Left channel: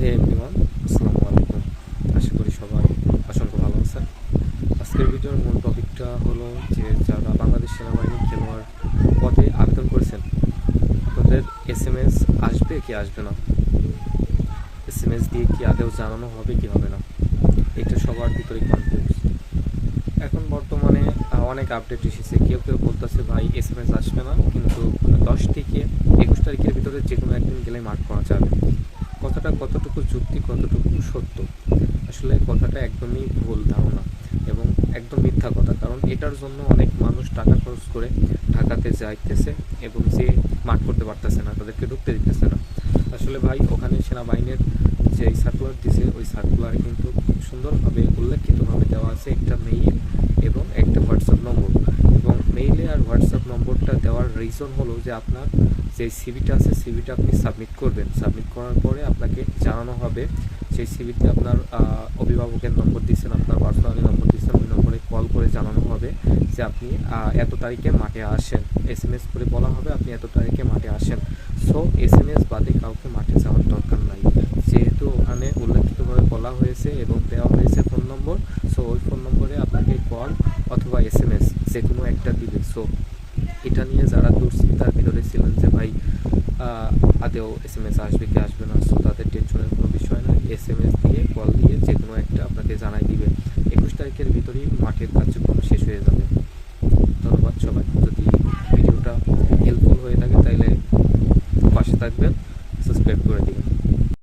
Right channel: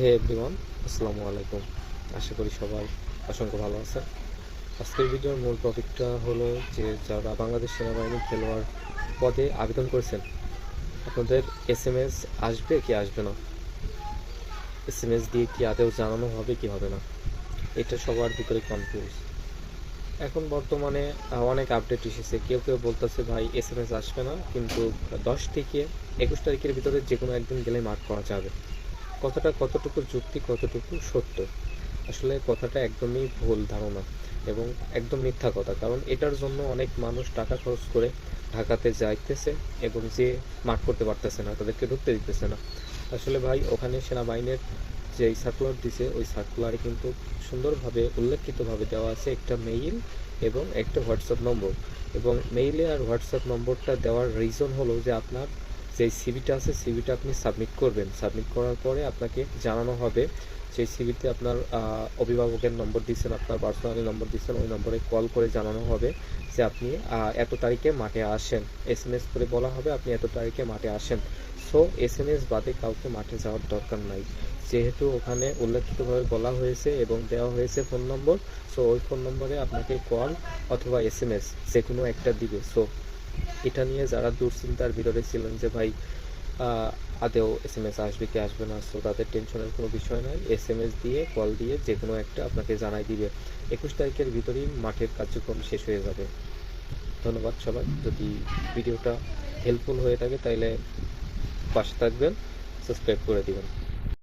হে everyone, আসসালামু আলাইকুম। আশা করি সবাই অসংখ্য ভালো আছেন। আজকের ভিডিওর মূল টপিকটা হলো যে যারা বাংলাদেশ সেনাবাহিনীর খেলোয়াড় পদে আবেদন করেছেন, আপনাদের এসএমএস আসবে কি আসবে না, এসএমএস দিয়ে কি আদৌ জানানো হবে কি হবে না, এটা সবার ভিতরে কনফিউজ। এখন বর্তমানে অনেক আপডেট এসেছে। কেউ কেউ বলতেছে ভাই এসএমএস আসবে না, কিন্তু 10 থেকে 21 তারিখের ভিতরে যে কোনো একদিন গেলে মাঠ করা যাবে। কথাটা কতটুকু যুক্তি, কতটুকু সত্য, আসলে কথাটা একদমই ভুল ধারণা এবং একদম মিথ্যা কথা। কারণ এটার জন্য অনেক মানুষ টাকা খরচ করে ঢাকাতে যাইতেছে এবং যে মাঠ করতে পারতেছে না, তাদেরকে ঢুকতে দিতেছে না। আসলে ভাই ওখানে সেনাবাহিনীর যে সার্কুলার দিছে, ওই সার্কুলারে কিন্তু সুন্দরভাবে উল্লেখিতভাবে দেওয়া আছে একটা মেইল এবং একটা হোয়াটসঅ্যাপ নম্বর। এবং মেইলে আর হোয়াটসঅ্যাপ নম্বরটা দেওয়ার রিজন হলো যে আপনার যে সিভিটা আছে, সিভিটা আপনি সাবমিট করবেন। সাবমিট করার পরে আপনাকে জানানো হবে, সেই সিভিতে আপনার অভিভাবকের নম্বর দিচ্ছেন, আপনার পার্সোনালি নম্বর দিচ্ছেন, ওই নম্বরে কল করে জানানো হবে যে আপনি এত তারিখে মাঠে আসেন। এসএমএস করে বলা হবে আপনি এত তারিখে মাঠে আসেন। সো এসএমএস বাদে কাউকে মাঠে যাওয়ার দরকার নাই, যেহেতু ওখানে উল্লেখিতভাবে বলা হয়েছে এবং দেওয়া হয়েছে ফোন নম্বর। সো ওই ফোন নম্বরে আপনাকে কল অথবা এসএমএস যে কোনো একটা দিবে। সো এটা নিয়ে যারা দুশ্চিন্তার ভিতরে ছিলেন যে ভাই আদেও এসএমএস আসবে কি আসবে না, সো তাদের টেনশনের কোনো বিষয় নয়। এসএমএস দিয়ে কল দিয়ে যে কোনো একটা আপনাকে জানাই দিবে। 21 তারিখের ভিতরেই মাঠের কার্যক্রম শেষ হয়ে যাবে। ধন্যবাদ সবাই। যদি ভিডিওটা হেল্পফুল হয়ে থাকে তাহলে পাশে থাকবেন, সাবস্ক্রাইব করে দিবেন।